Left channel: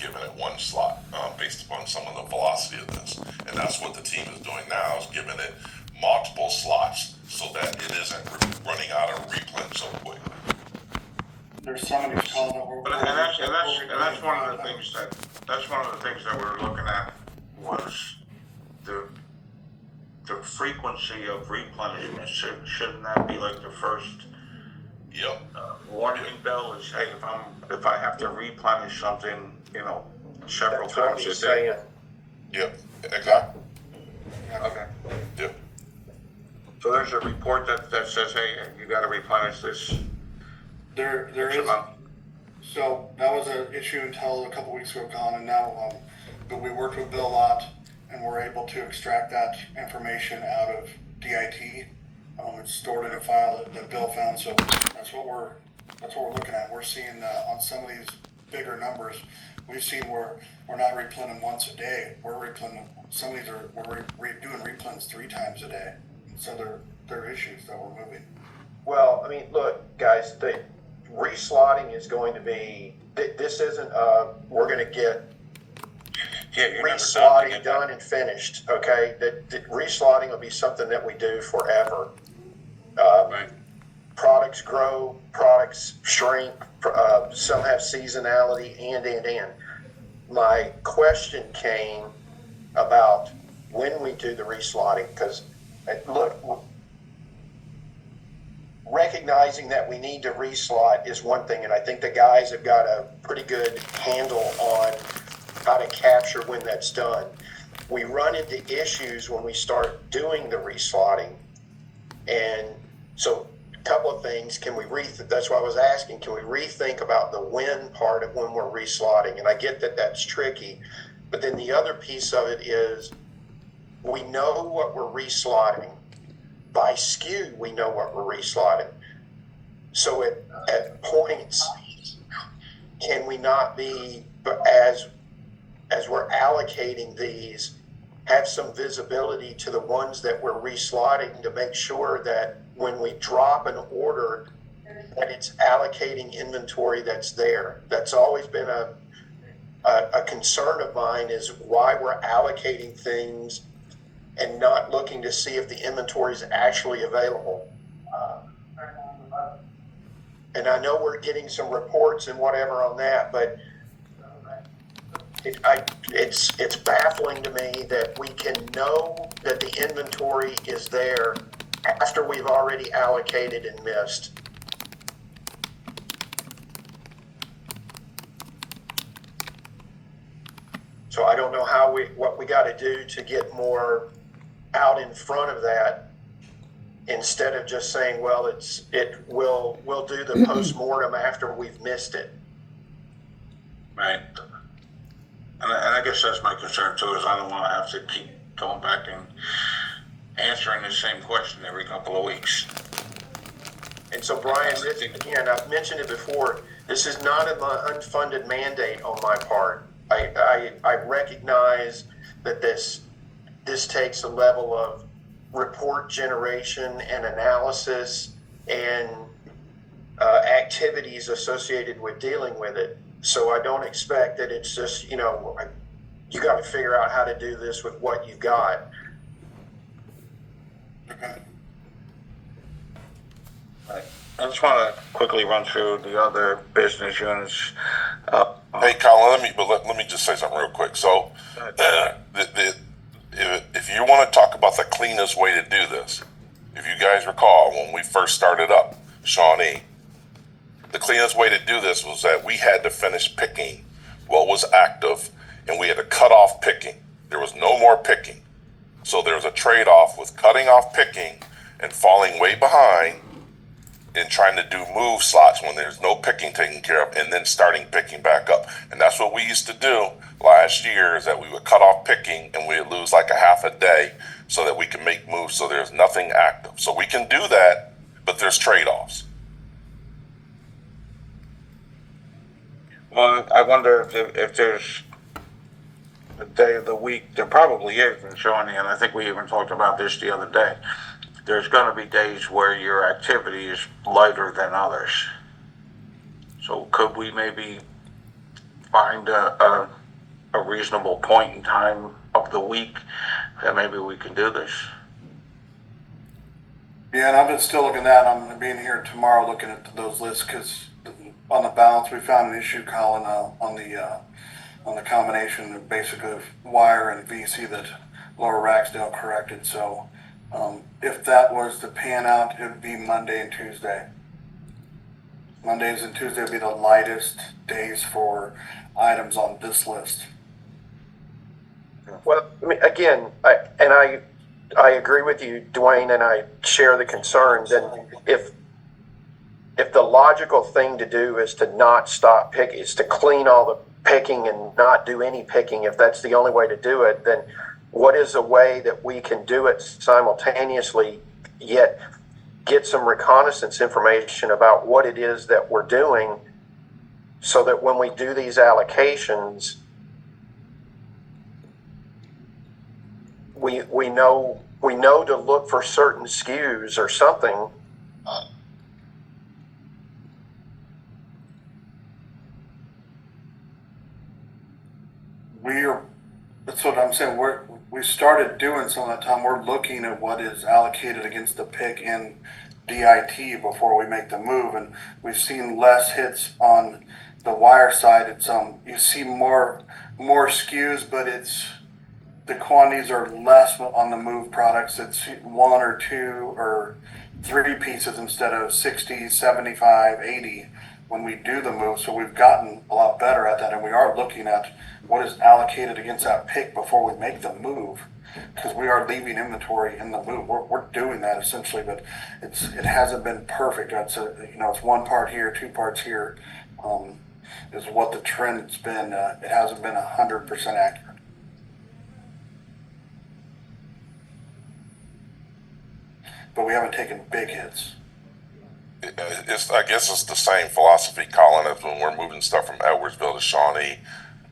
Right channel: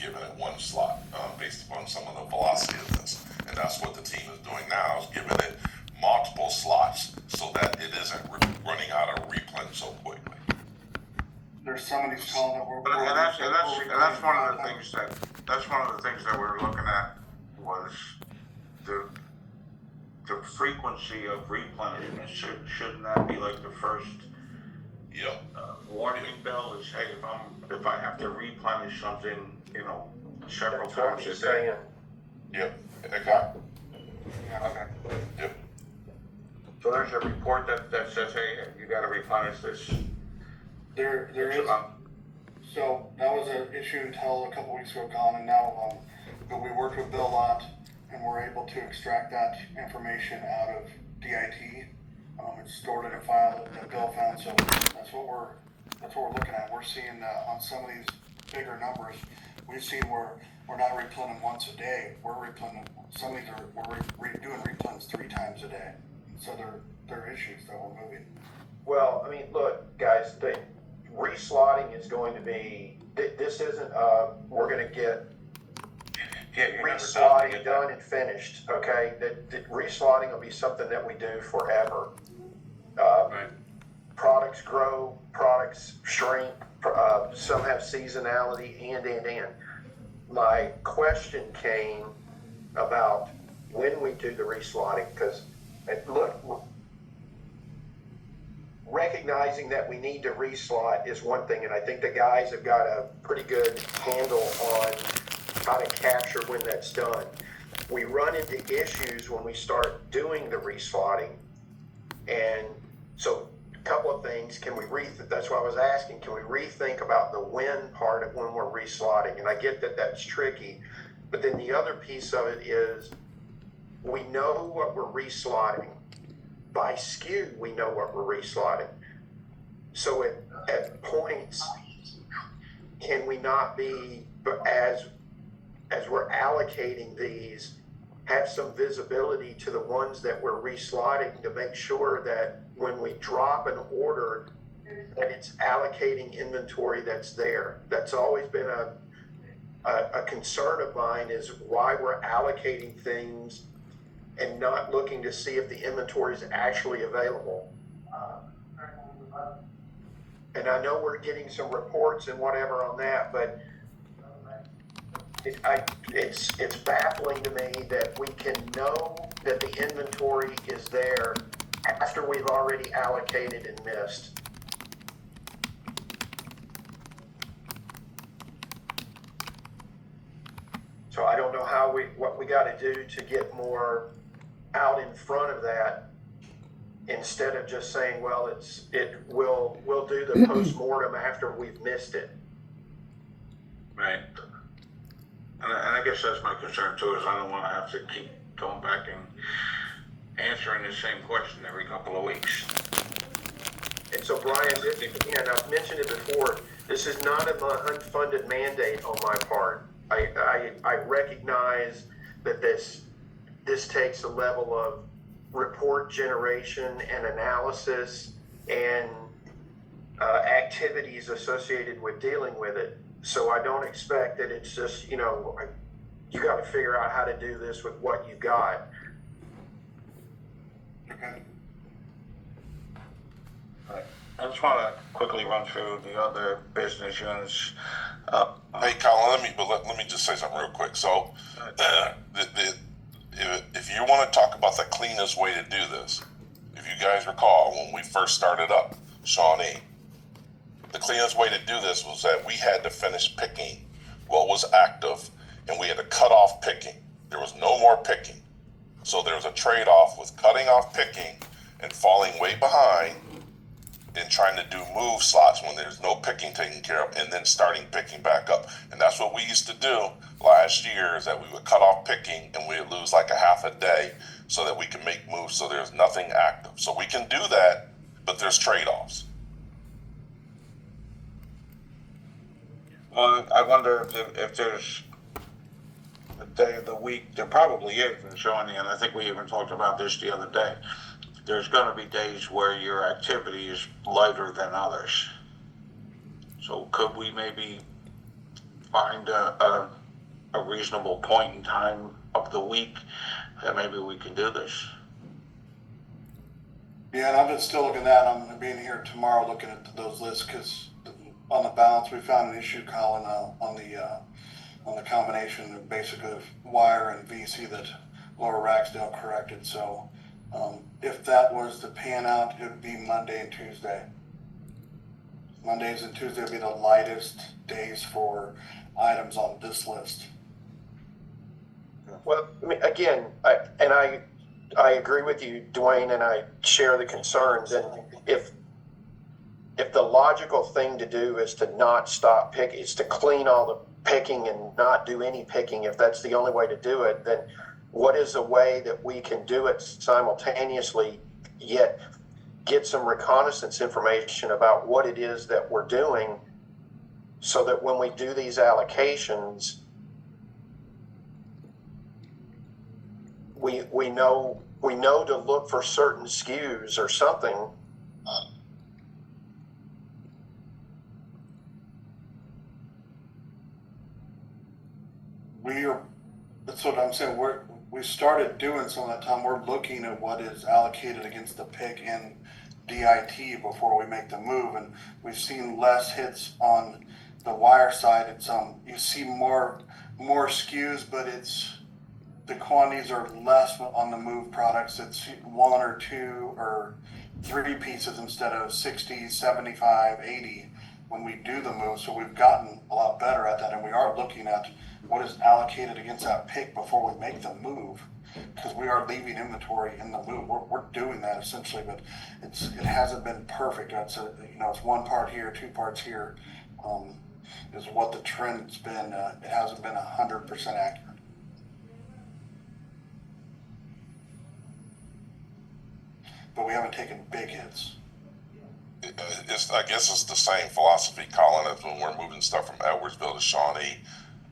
giving it one slot based upon some of the velocity of this. And that's what the team is doing now, is giving it multiple slots so that it isn't running out of replens so quick. There's some of these calls that that's one of the things that we're looking at was the frequency of replenishment. Shouldn't that be like the first Yep. warning bell? Is, hey, if I have to replenish something, several times a day. Yep, exactly. Okay. Yep. So there's a report that says, hey, you got to replenish this. There is. So that was an issue until a couple weeks ago gone, and now, but we worked with Bill a lot, and we're able to extract that information out of DIT. It's stored in a file that Bill found, so that's what we're looking at. We're seeing on some of these bigger numbers, we've seen where we're not replenishing once a day. We're replenishing. Some of these we're doing replens 3 times a day. So there are issues that we're moving. Well, I mean, look, guys, the reslotting is going to be. This isn't. We're going to get reslotting done and finished. Okay, that reslotting will be something that we do forever. Right. Products grow, products shrink. Some have seasonality, and. My question came about when we do the reslotting, because look, recognizing that we need to reslot is one thing, and I think the guys have got a pretty good handle on how to capture when that's done. We run into issues when we start doing the reslotting, and so a couple of things. That's why I was asking, can we rethink about the when part of when we're reslotting? And I get that that's tricky, but then the other piece of it is we know what we're reslotting. By SKU, we know what we're reslotting. So at points, can we not be, as we're allocating these, have some visibility to the ones that we're reslotting to make sure that when we drop an order, that it's allocating inventory that's there. That's always been a concern of mine, is why we're allocating things and not looking to see if the inventory is actually available. And I know we're getting some reports and whatever on that, but it's baffling to me that we can know that the inventory is there after we've already allocated and missed. So I don't know what we got to do to get more out in front of that, instead of just saying, well, we'll do the post-mortem after we've missed it. Right. And I guess that's my concern too, is I don't want to have to keep going back and answering the same question every couple of weeks. And so, Brian, again, I've mentioned it before, this is not an unfunded mandate on my part. I recognize that this takes a level of report generation and analysis and activities associated with dealing with it. So I don't expect that it's just, you got to figure out how to do this with what you got. Okay. Right. I just want to quickly run through the other business units. Hey, Colin, let me just say something real quick. So, if you want to talk about the cleanest way to do this, if you guys recall when we first started up, Shawnee, the cleanest way to do this was that we had to finish picking what was active, and we had to cut off picking. There was no more picking. So there was a trade-off with cutting off picking and falling way behind and trying to do move slots when there's no picking taken care of, and then starting picking back up. And that's what we used to do last year, is that we would cut off picking and we would lose like a half a day so that we can make moves so there's nothing active. So we can do that, but there's trade-offs. Well, I wonder if there's a day of the week, there probably is in Shawnee, and I think we even talked about this the other day. There's going to be days where your activity is lighter than others. So could we maybe find a reasonable point in time of the week that maybe we can do this. Yeah, and I've been still looking at, I'm gonna be in here tomorrow looking at those lists, cause on the balance, we found an issue, Colin, on the combination of basically of wire and VC that Lower Ragsdale corrected, so, if that was to pan out, it would be Monday and Tuesday. Mondays and Tuesday would be the lightest days for items on this list. Well, I mean, again, I agree with you, Dwayne, and I share the concerns. And if the logical thing to do is to not stop picking, is to clean all the picking and not do any picking, if that's the only way to do it, then what is a way that we can do it simultaneously, yet get some reconnaissance information about what it is that we're doing, so that when we do these allocations, we know to look for certain SKUs or something. That's what I'm saying, we started doing some of that time, we're looking at what is allocated against the pick in DIT before we make the move, and we've seen less hits on the wire side. It's, you see more SKUs, but the quantities are less on the move products. It's 1 or 2 or 3 pieces instead of 60, 75, 80 when we do the move. So we've gotten a lot better at that, and we are looking at what is allocated against that pick before we make the move, because we are leaving inventory in the move. We're doing that essentially, but it hasn't been perfect. It's it's 1 part here, 2 parts here, is what the trend's been. It hasn't been 100% accurate. But we haven't taken big hits. I guess it's the same philosophy, Colin, as when we're moving stuff from Edwardsville to Shawnee.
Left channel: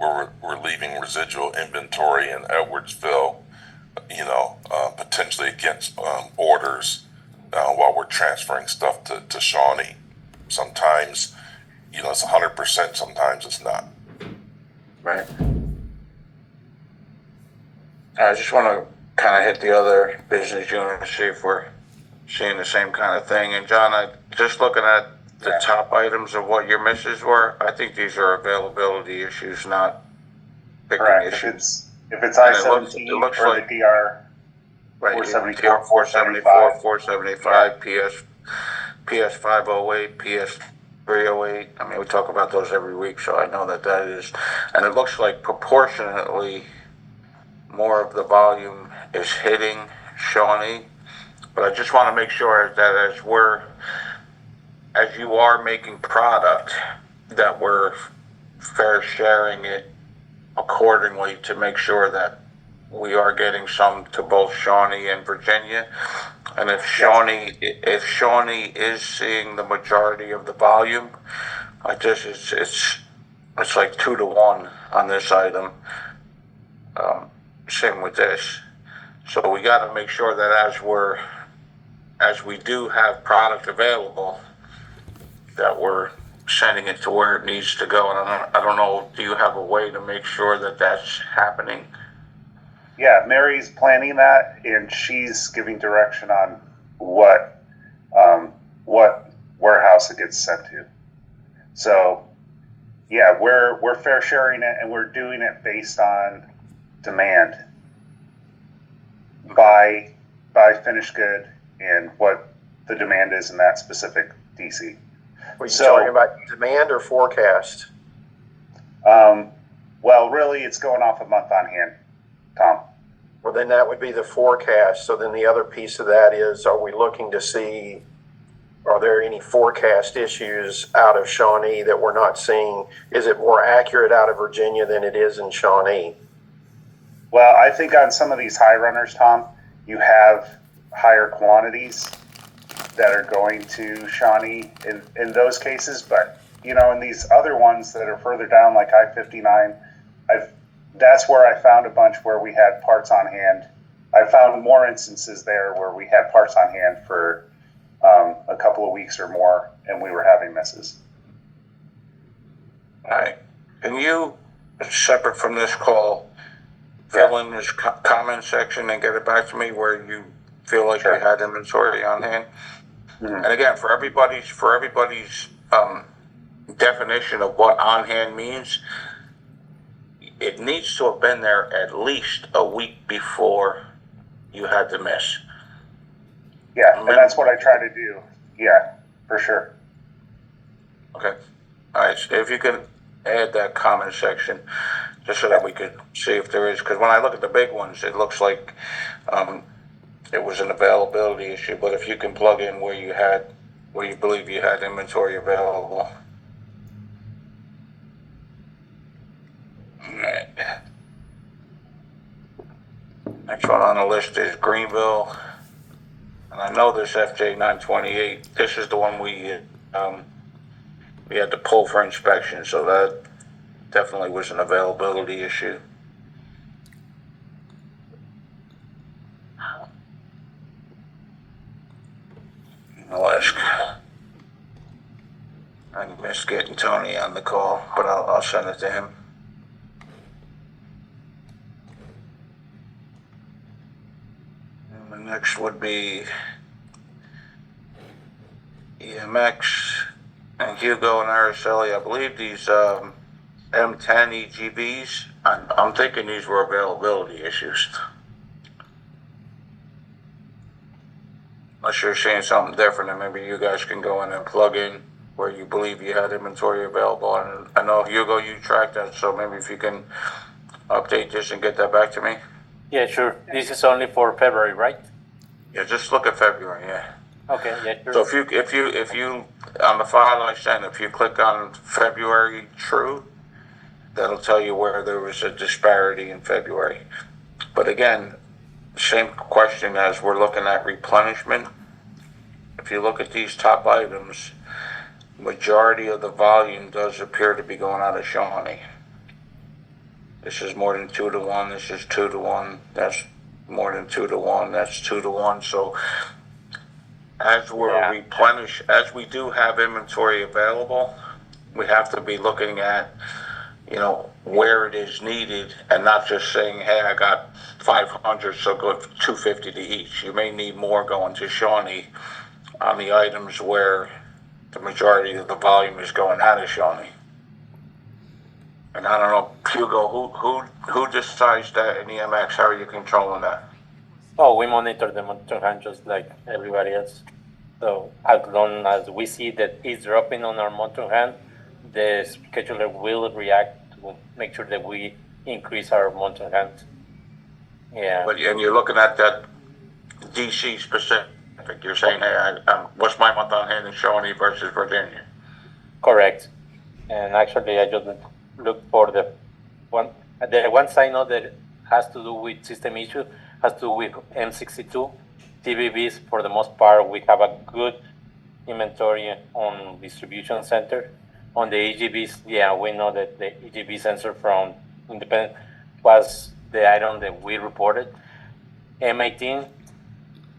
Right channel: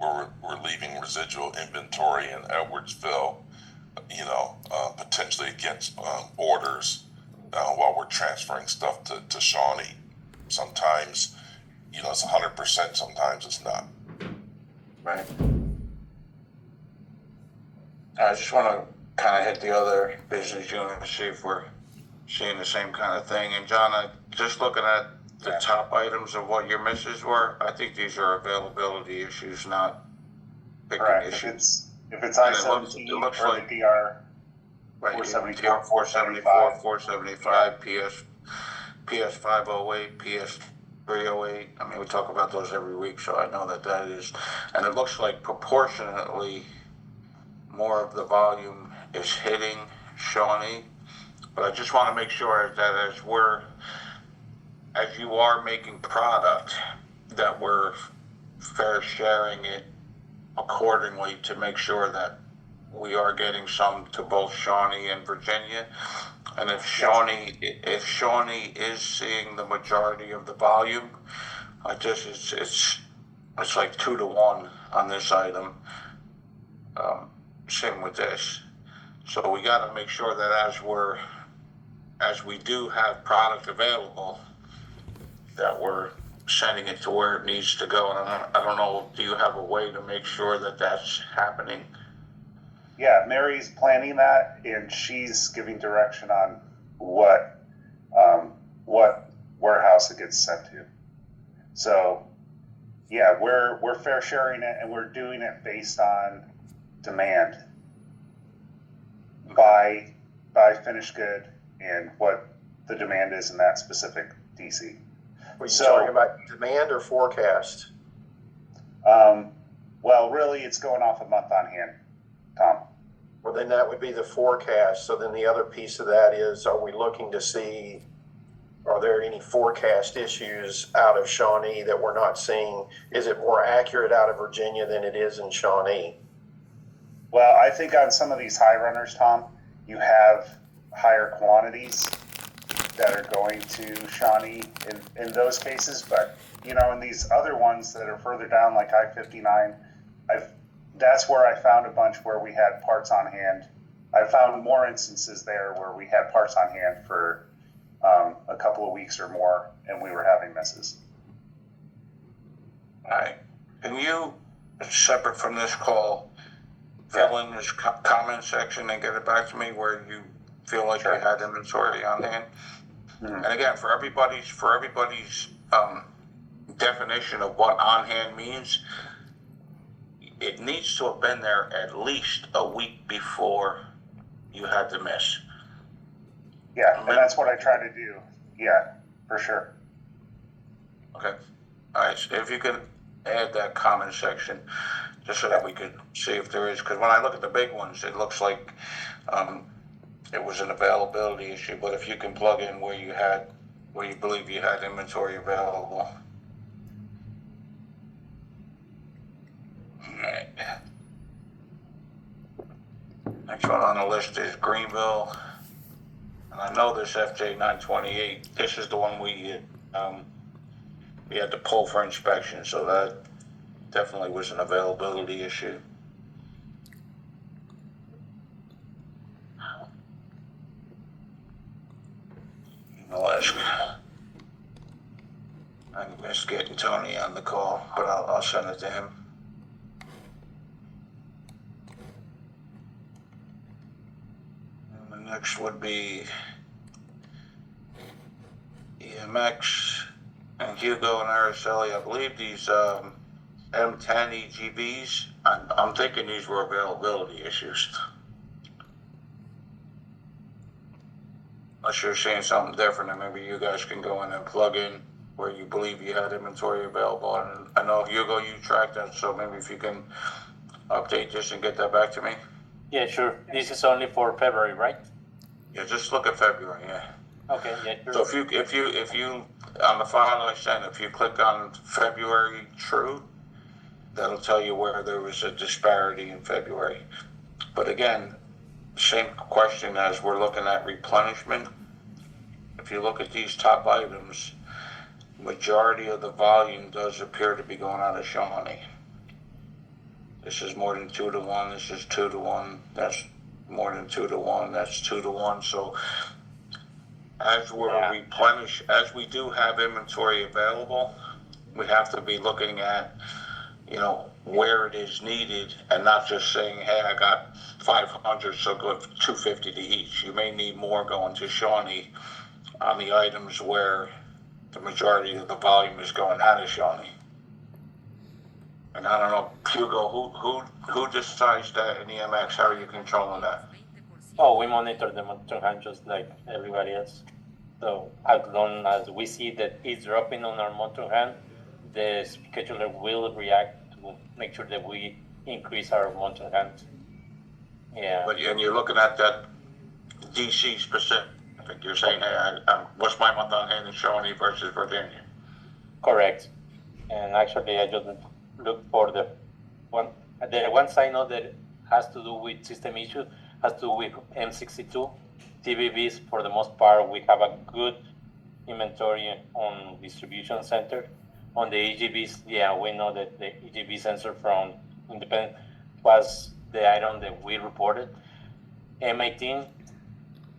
We're leaving residual inventory in Edwardsville, potentially against orders while we're transferring stuff to Shawnee. Sometimes, it's 100%, sometimes it's not. Right. I just want to kind of hit the other business unit and see if we're seeing the same kind of thing. And John, just looking at the top items of what your misses were, I think these are availability issues, not picking Correct. issues. If it's I-17 it looks or like, the DR right, 474, 474, 475, PS 508, PS 308. I mean, we talk about those every week, so I know that is. And it looks like proportionately more of the volume is hitting Shawnee. But I just want to make sure that as you are making product, that we're fair sharing it accordingly to make sure that we are getting some to both Shawnee and Virginia. And if Shawnee is seeing the majority of the volume, it's like 2 to 1 on this item. Same with this. So we got to make sure that as we do have product available, that we're sending it to where it needs to go. And I don't know, do you have a way to make sure that that's happening? Yeah, Mary's planning that, and she's giving direction on what warehouse it gets sent to. So, yeah, we're fair sharing it, and we're doing it based on demand by finished good and what the demand is in that specific DC. Were you talking about demand or forecast? Well, really, it's going off a month on hand, Tom. Well, then that would be the forecast. So then the other piece of that is, are we looking to see, are there any forecast issues out of Shawnee that we're not seeing? Is it more accurate out of Virginia than it is in Shawnee? Well, I think on some of these high runners, Tom, you have higher quantities that are going to Shawnee in those cases. But, in these other ones that are further down, like I-59, that's where I found a bunch where we had parts on hand. I found more instances there where we had parts on hand for a couple of weeks or more, and we were having misses. All right. Can you, separate from this call, fill in this comment section and get it back to me where you feel like Sure. you had inventory on hand? Mhm. And again, for everybody's definition of what on hand means, it needs to have been there at least a week before you had the miss. Yeah, and that's what I try to do. Yeah, for sure. Okay. All right. So if you can add that comment section, just so that we could see if there is, because when I look at the big ones, it looks like it was an availability issue. But if you can plug in where you believe you had inventory available. All right. Next one on the list is Greenville. And I know this FJ 928. This is the one we had to pull for inspection, so that definitely was an availability issue. I'll ask. I missed getting Tony on the call, but I'll send it to him. And the next would be EMX and Hugo and Araceli. I believe these M10 EGVs, I'm thinking these were availability issues. Unless you're seeing something different, and maybe you guys can go in and plug in where you believe you had inventory available. And I know, Hugo, you tracked that, so maybe if you can update this and get that back to me. Yeah, sure. This is only for February, right? Yeah, just look at February, yeah. Okay, yeah, sure. So if you on the file I sent, if you click on February true, that'll tell you where there was a disparity in February. But again, same question as we're looking at replenishment. If you look at these top items, majority of the volume does appear to be going out of Shawnee. This is more than 2 to 1. This is 2 to 1. That's more than 2 to 1. That's 2 to 1. So as as we do have inventory available, we have to be looking at, where it is needed and not just saying, hey, I got 500, so go 250 to each. You may need more going to Shawnee on the items where the majority of the volume is going out of Shawnee. And I don't know, Hugo, who decides that in EMX? How are you controlling that? Oh, we monitor the motor hand just like everybody else. So as long as we see that it's dropping on our motor hand, the scheduler will react to make sure that we increase our motor hand. Yeah. And you're looking at that DC specific. You're saying, hey, what's my month on hand in Shawnee versus Virginia? Correct. And actually, I just looked for the ones I know that has to do with system issue, has to do with M62. TVBs, for the most part, we have a good inventory on distribution center. On the EGBs, yeah, we know that the EGB sensor from Independent was the item that we reported. M18,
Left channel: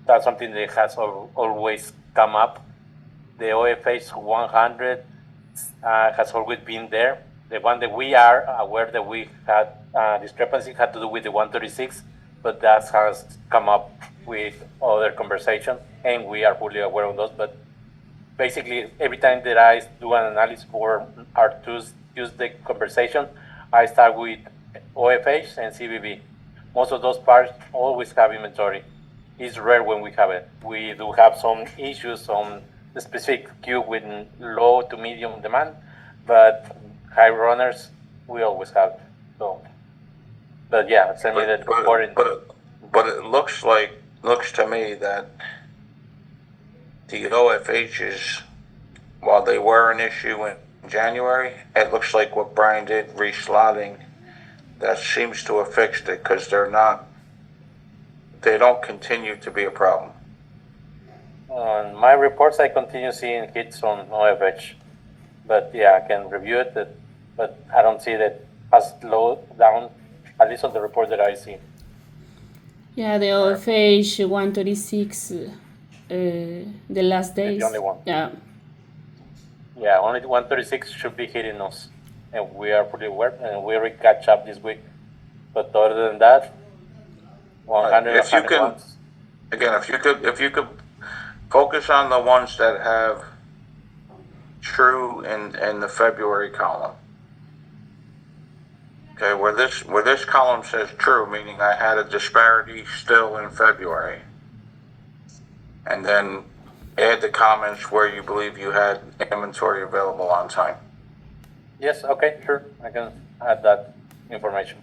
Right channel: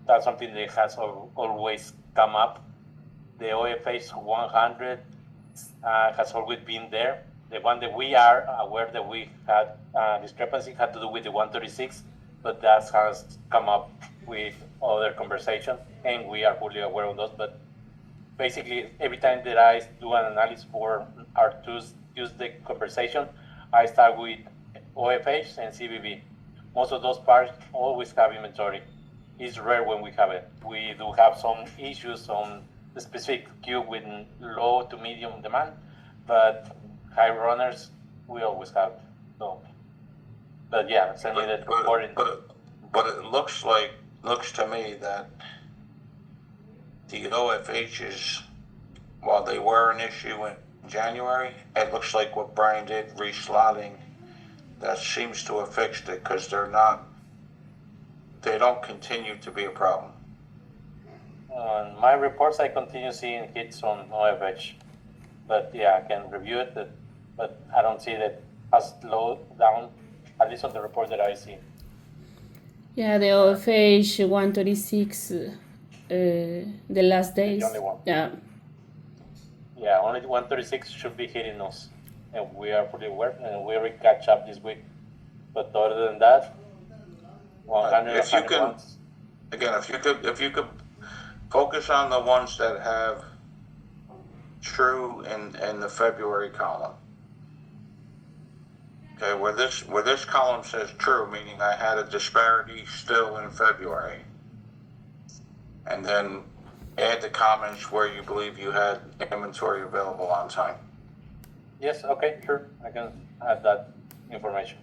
that's something that has always come up. The OFH 100 has always been there. The one that we are aware that we had discrepancy had to do with the 136, but that has come up with other conversation, and we are fully aware of those. But basically, every time that I do an analysis for our Tuesday conversation, I start with OFH and CBB. Most of those parts always have inventory. It's rare when we have it. We do have some issues on the specific cube with low to medium demand, but high runners we always have. So, but yeah, send me that report. But it looks to me that the OFHs, while they were an issue in January, it looks like what Brian did, reslotting, that seems to have fixed it, because they don't continue to be a problem. On my reports, I continue seeing hits on OFH, but yeah, I can review it, but I don't see that has slowed down, at least on the report that I see. Yeah, the OFH 136, the last days. The only one. Yeah. Yeah, only 136 should be hitting us. and we are pretty aware, and we already catch up this week. But other than that, 100, If you can, 101. again, if you could focus on the ones that have true in the February column. Okay, where this column says true, meaning I had a disparity still in February. And then add the comments where you believe you had inventory available on time. Yes, okay, sure. I can add that information.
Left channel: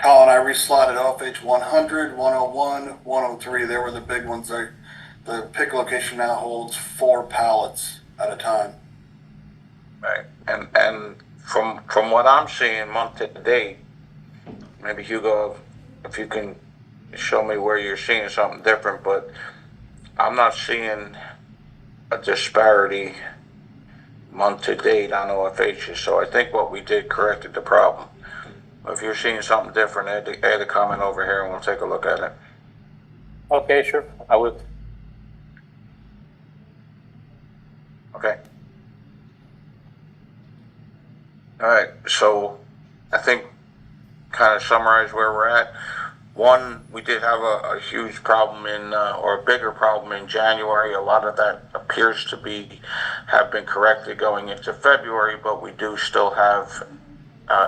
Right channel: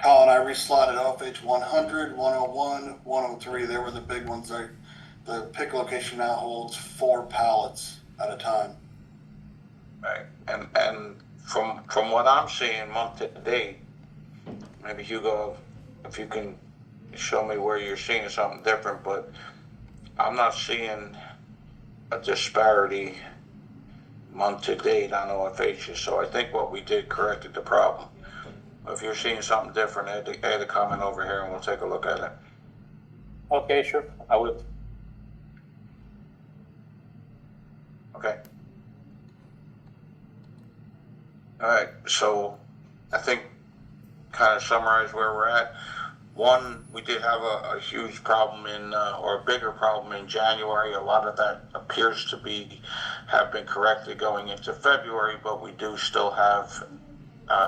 Colin, I reslotted OFH 100, 101, 103. They were the big ones. The pick location now holds 4 pallets at a time. Right. And from what I'm seeing month to date, maybe Hugo, if you can show me where you're seeing something different, but I'm not seeing a disparity month to date on OFHs. So I think what we did corrected the problem. If you're seeing something different, add a comment over here and we'll take a look at it. Okay, sure. I will. Okay. All right. So I think kind of summarize where we're at. One, we did have a huge problem or a bigger problem in January. A lot of that appears to have been corrected going into February, but we do still have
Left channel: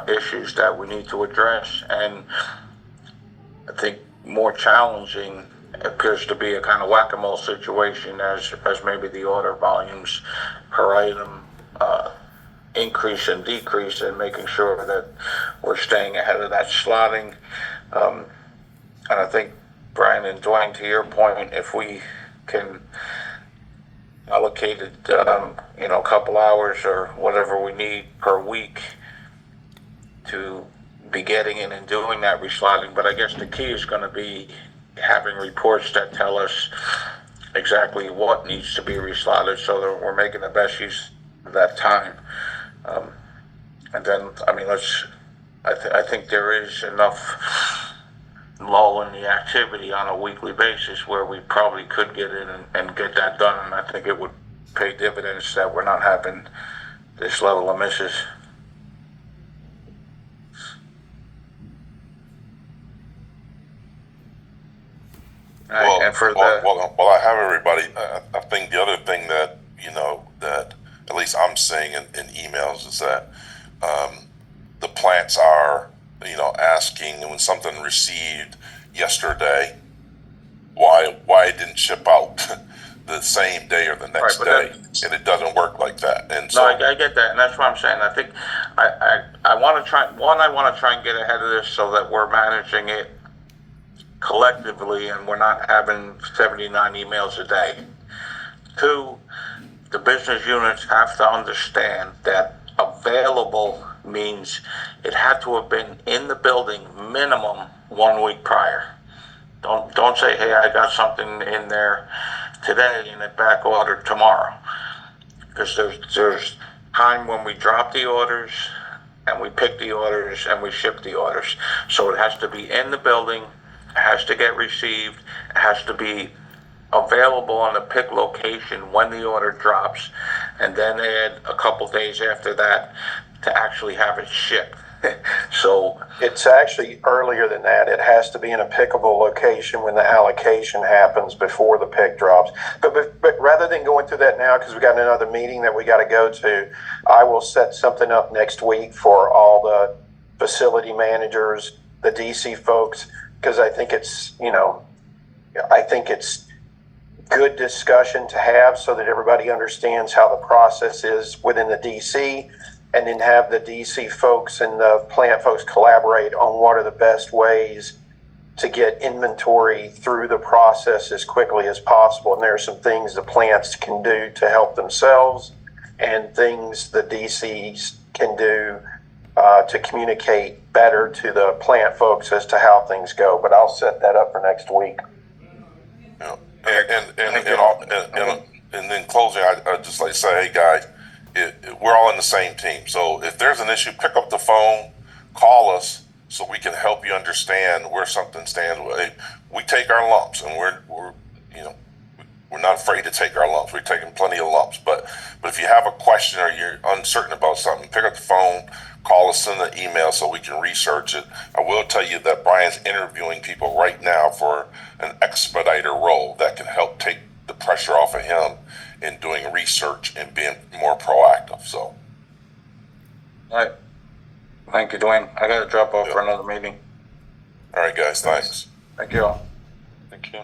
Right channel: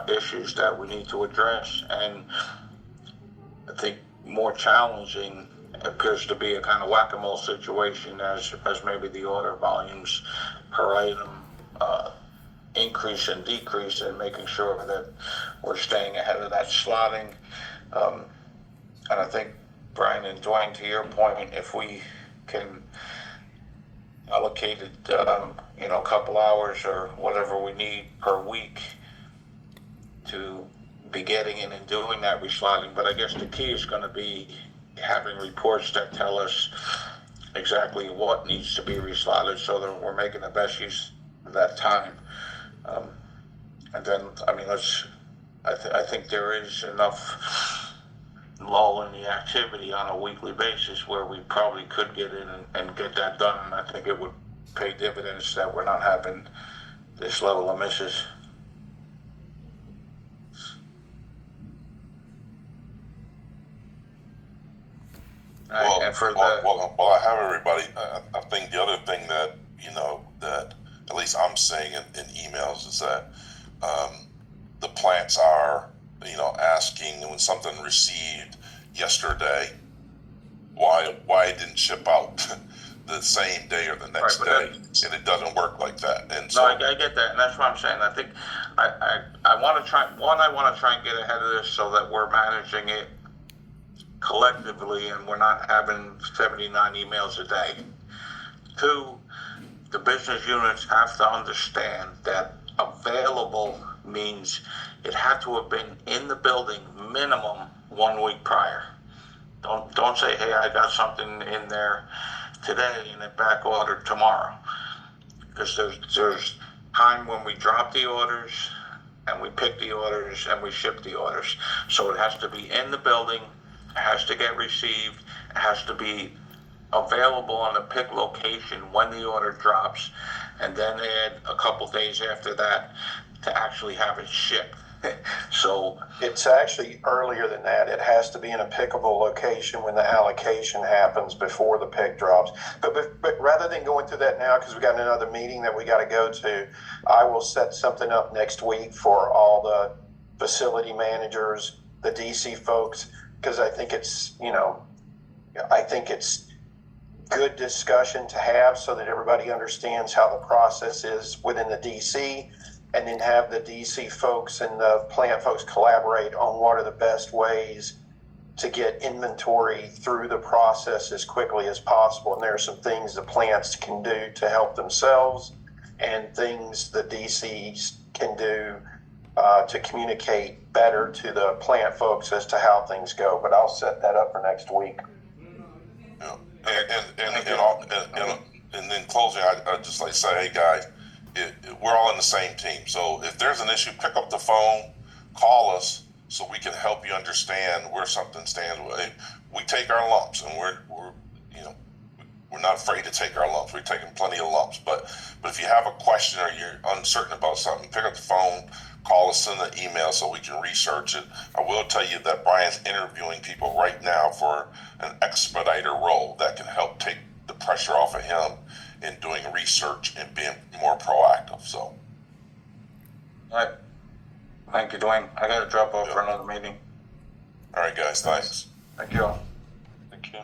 issues that we need to address. And I think more challenging appears to be a kind of whack-a-mole situation as maybe the order volumes per item increase and decrease, and making sure that we're staying ahead of that slotting. And I think, Brian and Dwayne, to your point, if we can allocate it, a couple hours or whatever we need per week to be getting in and doing that reslotting. But I guess the key is going to be having reports that tell us exactly what needs to be reslotted so that we're making the best use of that time. And then, I think there is enough lull in the activity on a weekly basis where we probably could get in and get that done. And I think it would pay dividends that we're not having this level of misses. All right, and for while I have everybody, I think the other thing that that at least I'm seeing in emails is that the plants are asking when something received yesterday why it didn't ship out the same day or the next day, and it doesn't work like that. And so I get that, and that's what I'm saying. I think I want to try and get ahead of this so that we're managing it collectively and we're not having 79 emails a day. Two, the business units have to understand that available means it had to have been in the building minimum 1 week prior. Don't say, hey, I got something in there today and it back ordered tomorrow. Because there's time when we drop the orders and we pick the orders and we ship the orders. So it has to be in the building, it has to get received, it has to be available on the pick location when the order drops, and then add a couple days after that to actually have it shipped. So it's actually earlier than that. It has to be in a pickable location when the allocation happens before the pick drops. But rather than going through that now, because we got another meeting that we got to go to, I will set something up next week for all the facility managers, the DC folks, because I think it's good discussion to have so that everybody understands how the process is within the DC, and then have the DC folks and the plant folks collaborate on what are the best ways to get inventory through the process as quickly as possible. And there are some things the plants can do to help themselves and things the DCs can do to communicate better to the plant folks as to how things go. But I'll set that up for next week. Yeah. And then closing, I just like to say, hey guys, we're all in the same team. So if there's an issue, pick up the phone, call us, so we can help you understand where something stands. We take our lumps, and we're not afraid to take our lumps. We're taking plenty of lumps. But if you have a question or you're uncertain about something, pick up the phone, call us, send an email so we can research it. I will tell you that Brian's interviewing people right now for an expediter role that can help take the pressure off of him in doing research and being more proactive. So, All right. Thank you, Dwayne. I gotta drop off for another meeting. all right, guys, thanks. Thank you all. Thank you.